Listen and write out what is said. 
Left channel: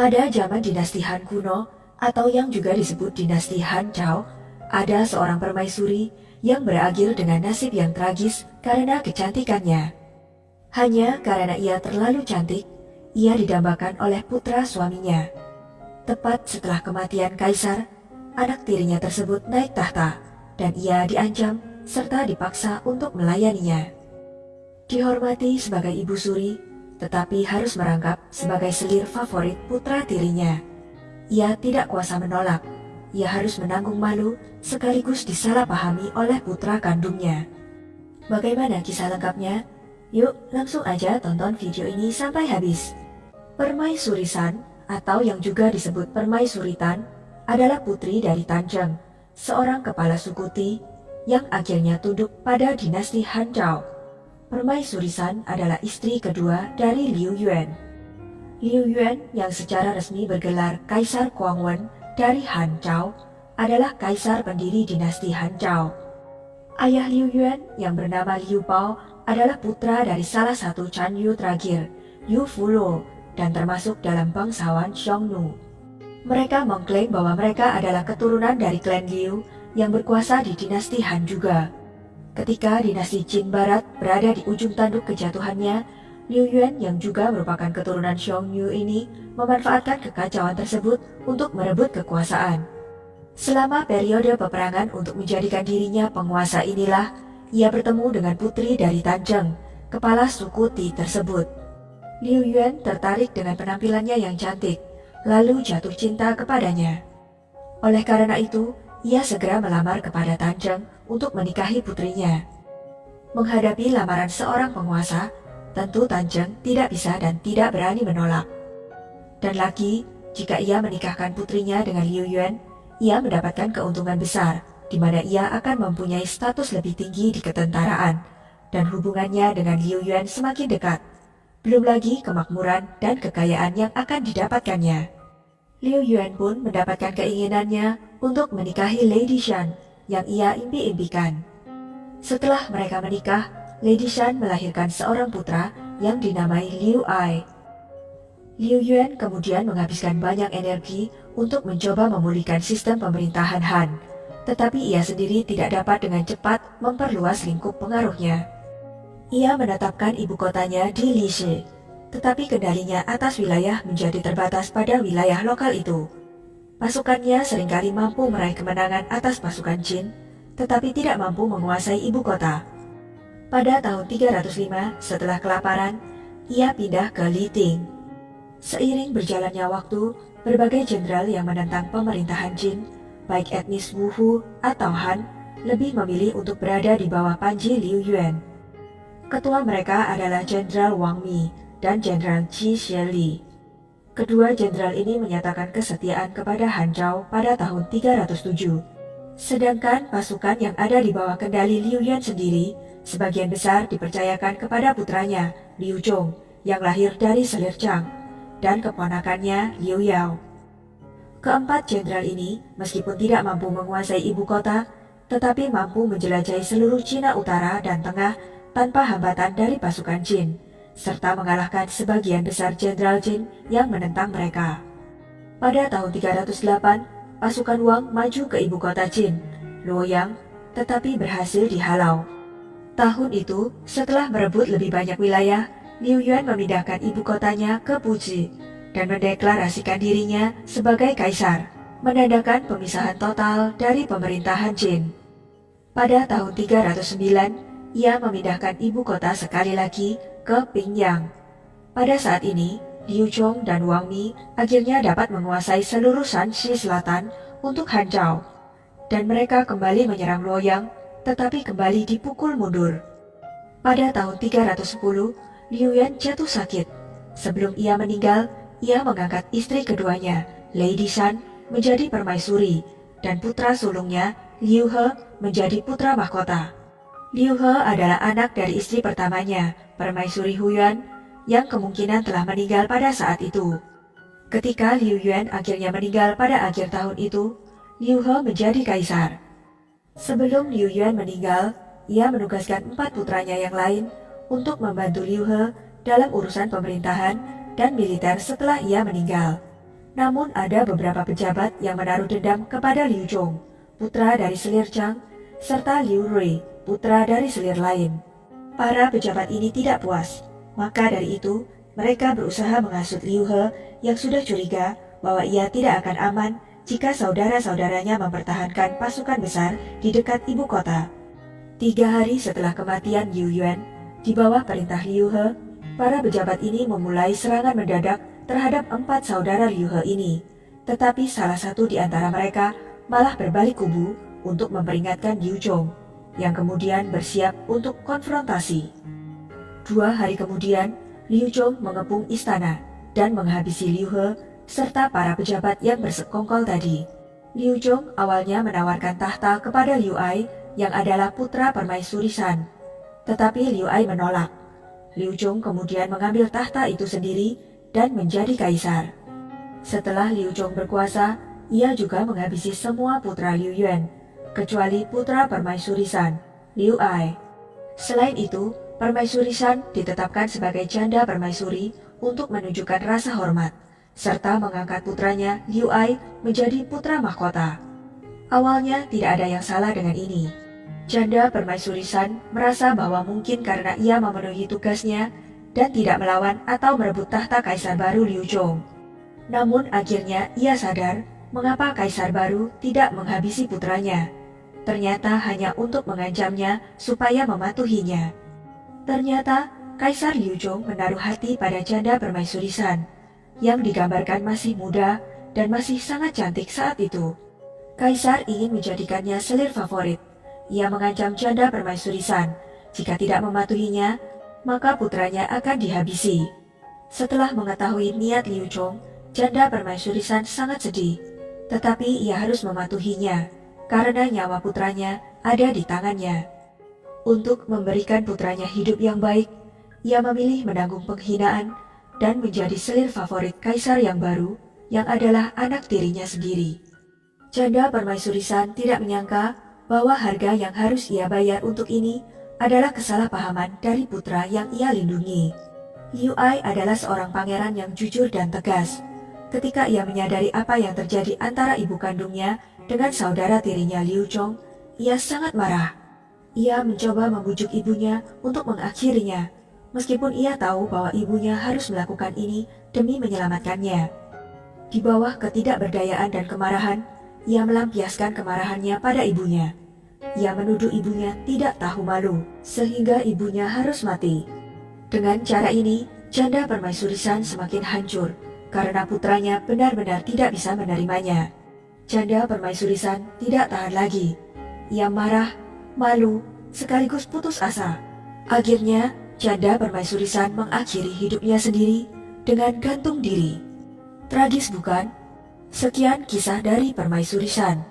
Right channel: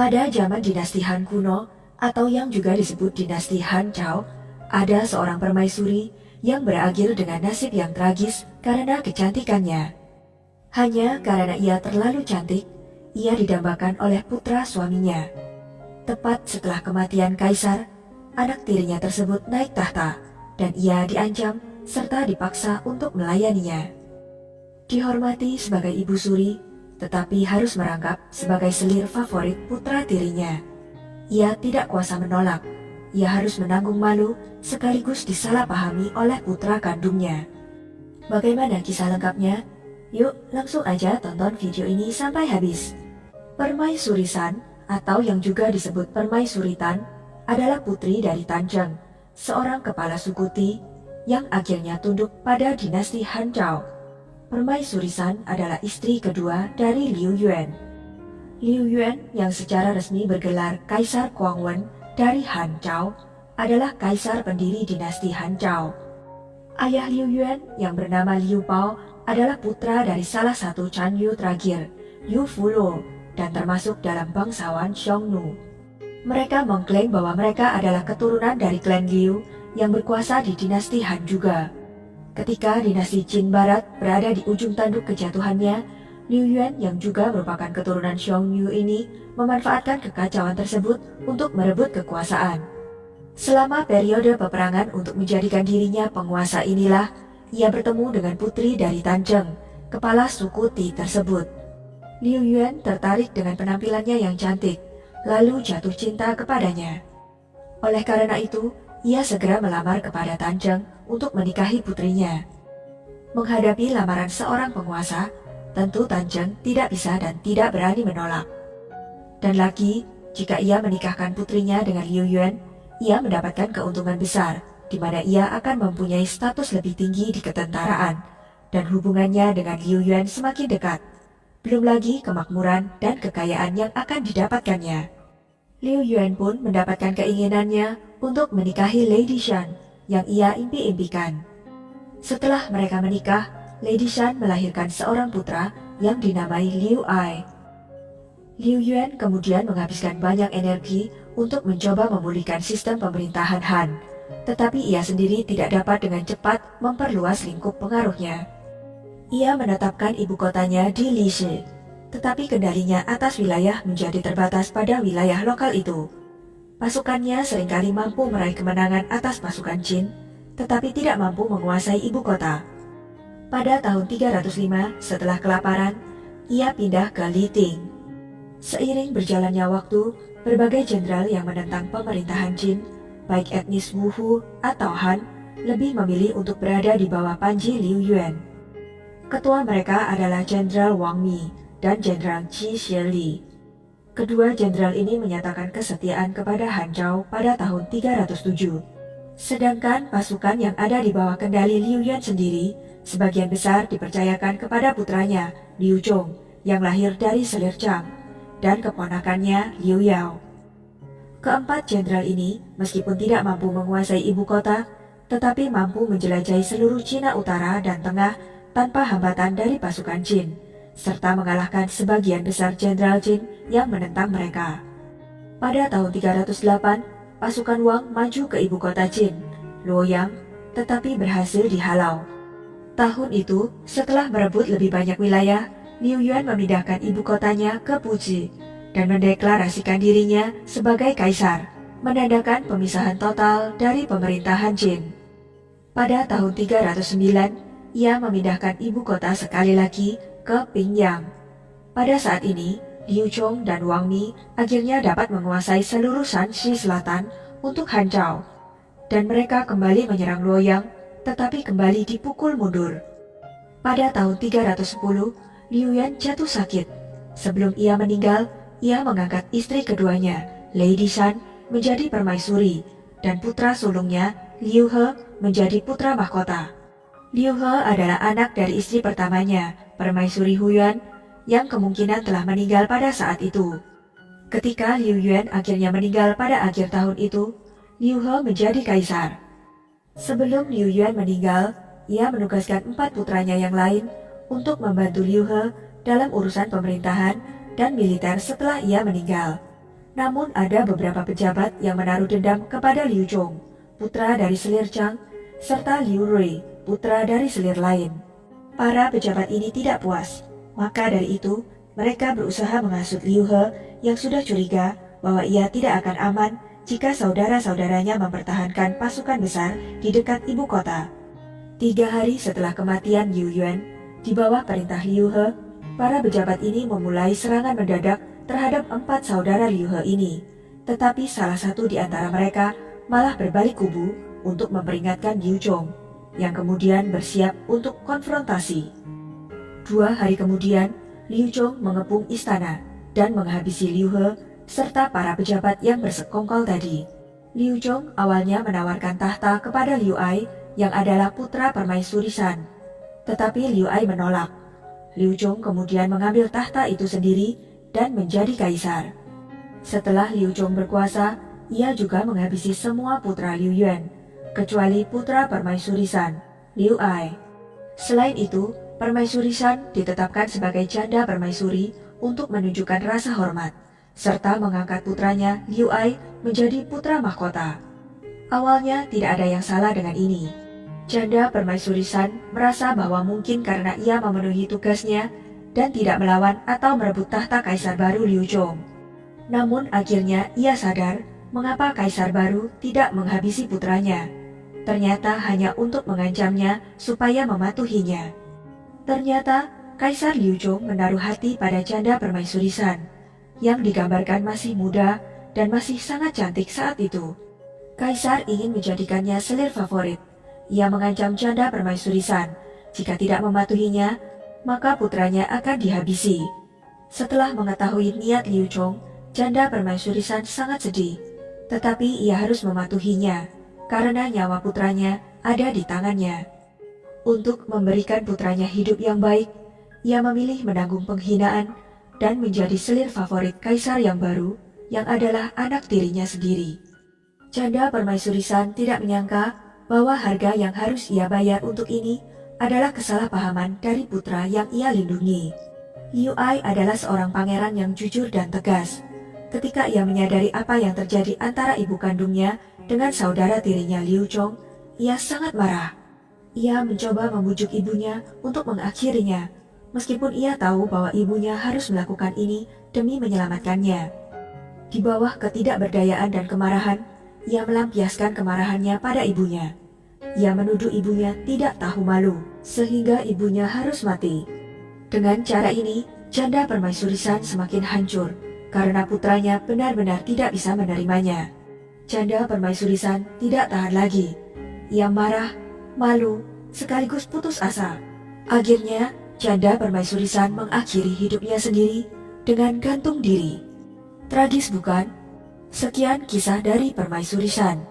Pada zaman dinasti Han kuno, atau yang juga disebut dinasti Han Chao, ada seorang permaisuri yang berakhir dengan nasib yang tragis karena kecantikannya. Hanya karena ia terlalu cantik, ia didambakan oleh putra suaminya. Tepat setelah kematian kaisar, anak tirinya tersebut naik tahta dan ia diancam serta dipaksa untuk melayaninya. Dihormati sebagai ibu suri, tetapi harus merangkap sebagai selir favorit putra tirinya. Ia tidak kuasa menolak, ia harus menanggung malu sekaligus disalahpahami oleh putra kandungnya. Bagaimana kisah lengkapnya? Yuk langsung aja tonton video ini sampai habis. Permaisuri San, atau yang juga disebut Permaisuri Tan, adalah putri dari Tan Zheng, seorang kepala suku Ti yang akhirnya tunduk pada dinasti Han Chao. Permaisuri San adalah istri kedua dari Liu Yuan. Liu Yuan yang secara resmi bergelar Kaisar Guangwen dari Han Chao adalah kaisar pendiri dinasti Han Chao. Ayah Liu Yuan yang bernama Liu Pao adalah putra dari salah satu Chan Yu terakhir, Yu Fulo, dan termasuk dalam bangsawan Xiongnu. Mereka mengklaim bahwa mereka adalah keturunan dari klan Liu yang berkuasa di dinasti Han juga. Ketika dinasti Qin Barat berada di ujung tanduk kejatuhannya, Liu Yuan yang juga merupakan keturunan Xiongnu ini memanfaatkan kekacauan tersebut untuk merebut kekuasaan. Selama periode peperangan untuk menjadikan dirinya penguasa inilah, ia bertemu dengan putri dari Tan Zheng, kepala suku Ti tersebut. Liu Yuan tertarik dengan penampilannya yang cantik, lalu jatuh cinta kepadanya. Oleh karena itu, ia segera melamar kepada Tan Zheng untuk menikahi putrinya. Menghadapi lamaran seorang penguasa, tentu Tan Zheng tidak bisa dan tidak berani menolak. Dan lagi, jika ia menikahkan putrinya dengan Liu Yuan, ia mendapatkan keuntungan besar, di mana ia akan mempunyai status lebih tinggi di ketentaraan, dan hubungannya dengan Liu Yuan semakin dekat. Belum lagi kemakmuran dan kekayaan yang akan didapatkannya. Liu Yuan pun mendapatkan keinginannya untuk menikahi Lady Shan yang ia impi-impikan. Setelah mereka menikah, Lady Shan melahirkan seorang putra yang dinamai Liu Ai. Liu Yuan kemudian menghabiskan banyak energi untuk mencoba memulihkan sistem pemerintahan Han, tetapi ia sendiri tidak dapat dengan cepat memperluas lingkup pengaruhnya. Ia menetapkan ibu kotanya di Lishi, tetapi kendalinya atas wilayah menjadi terbatas pada wilayah lokal itu. Pasukannya seringkali mampu meraih kemenangan atas pasukan Qin, tetapi tidak mampu menguasai ibu kota. Pada tahun 305 setelah kelaparan, ia pindah ke Liting. Seiring berjalannya waktu, berbagai jenderal yang menentang pemerintahan Qin, baik etnis Wuhu atau Han, lebih memilih untuk berada di bawah panji Liu Yuan. Ketua mereka adalah Jenderal Wang Mi dan Jenderal Qi Shili. Kedua jenderal ini menyatakan kesetiaan kepada Han Chao pada tahun 307. Sedangkan pasukan yang ada di bawah kendali Liu Yuan sendiri, sebagian besar dipercayakan kepada putranya, Liu Zhong, yang lahir dari selir Chang, dan keponakannya Liu Yao. Keempat jenderal ini, meskipun tidak mampu menguasai ibu kota, tetapi mampu menjelajahi seluruh Cina Utara dan Tengah tanpa hambatan dari pasukan Qin, serta mengalahkan sebagian besar jenderal Qin yang menentang mereka. Pada tahun 308, pasukan Wang maju ke ibu kota Qin, Luoyang, tetapi berhasil dihalau. Tahun itu, setelah merebut lebih banyak wilayah, Liu Yuan memindahkan ibu kotanya ke Puji dan mendeklarasikan dirinya sebagai kaisar, menandakan pemisahan total dari pemerintahan Qin. Pada tahun 309, ia memindahkan ibu kota sekali lagi ke Pingyang. Pada saat ini, Liu Zhong dan Wang Mi akhirnya dapat menguasai seluruh Shanxi Selatan untuk Han Chao, dan mereka kembali menyerang Luoyang, tetapi kembali dipukul mundur. Pada tahun 310, Liu Yuan jatuh sakit. Sebelum ia meninggal, ia mengangkat istri keduanya, Lady Shan, menjadi permaisuri, dan putra sulungnya, Liu He, menjadi putra mahkota. Liu He adalah anak dari istri pertamanya, Permaisuri Huyuan, yang kemungkinan telah meninggal pada saat itu. Ketika Liu Yuan akhirnya meninggal pada akhir tahun itu, Liu He menjadi kaisar. Sebelum Liu Yuan meninggal, ia menugaskan 4 putranya yang lain untuk membantu Liu He dalam urusan pemerintahan dan militer setelah ia meninggal. Namun ada beberapa pejabat yang menaruh dendam kepada Liu Zhong, putra dari selir Chang, serta Liu Rui, putra dari selir lain. Para pejabat ini tidak puas, maka dari itu mereka berusaha menghasut Liu He yang sudah curiga bahwa ia tidak akan aman jika saudara-saudaranya mempertahankan pasukan besar di dekat ibu kota. 3 hari setelah kematian Liu Yuan, di bawah perintah Liu He, para pejabat ini memulai serangan mendadak terhadap 4 saudara Liu He ini. Tetapi salah satu di antara mereka malah berbalik kubu untuk memperingatkan Liu Zhong, yang kemudian bersiap untuk konfrontasi. 2 hari kemudian, Liu Zhong mengepung istana dan menghabisi Liu He serta para pejabat yang bersekongkol tadi. Liu Zhong awalnya menawarkan tahta kepada Liu Ai yang adalah putra permaisuri Shan. Tetapi Liu Ai menolak. Liu Zhong kemudian mengambil tahta itu sendiri dan menjadi kaisar. Setelah Liu Zhong berkuasa, ia juga menghabisi semua putra Liu Yuan, kecuali putra permaisuri Shan, Liu Ai. Selain itu, permaisuri Shan ditetapkan sebagai janda permaisuri untuk menunjukkan rasa hormat, serta mengangkat putranya Liu Ai menjadi putra mahkota. Awalnya tidak ada yang salah dengan ini. Janda permaisuri Shan merasa bahwa mungkin karena ia memenuhi tugasnya dan tidak melawan atau merebut tahta kaisar baru Liu Zhong. Namun akhirnya ia sadar mengapa kaisar baru tidak menghabisi putranya. Ternyata hanya untuk mengancamnya supaya mematuhinya. Ternyata Kaisar Liu Zhong menaruh hati pada janda permaisuri Shan, yang digambarkan masih muda dan masih sangat cantik saat itu. Kaisar ingin menjadikannya selir favorit. Ia mengancam janda permaisuri Shan, jika tidak mematuhinya, maka putranya akan dihabisi. Setelah mengetahui niat Liu Zhong, janda permaisuri Shan sangat sedih. Tetapi ia harus mematuhinya, karena nyawa putranya ada di tangannya. Untuk memberikan putranya hidup yang baik, ia memilih menanggung penghinaan dan menjadi selir favorit kaisar yang baru, yang adalah anak tirinya sendiri. Janda permaisuri Shan tidak menyangka bahwa harga yang harus ia bayar untuk ini adalah kesalahpahaman dari putra yang ia lindungi. Liu Ai adalah seorang pangeran yang jujur dan tegas. Ketika ia menyadari apa yang terjadi antara ibu kandungnya dengan saudara tirinya Liu Zhong, ia sangat marah. Ia mencoba membujuk ibunya untuk mengakhirinya, meskipun ia tahu bahwa ibunya harus melakukan ini demi menyelamatkannya. Di bawah ketidakberdayaan dan kemarahan, ia melampiaskan kemarahannya pada ibunya. Ia menuduh ibunya tidak tahu malu, sehingga ibunya harus mati. Dengan cara ini, janda permaisuri Shan semakin hancur, karena putranya benar-benar tidak bisa menerimanya. Janda permaisuri Shan tidak tahan lagi. Ia marah, malu, sekaligus putus asa. Akhirnya, janda permaisuri Shan mengakhiri hidupnya sendiri dengan gantung diri. Tragis bukan? Sekian kisah dari permaisuri Shan.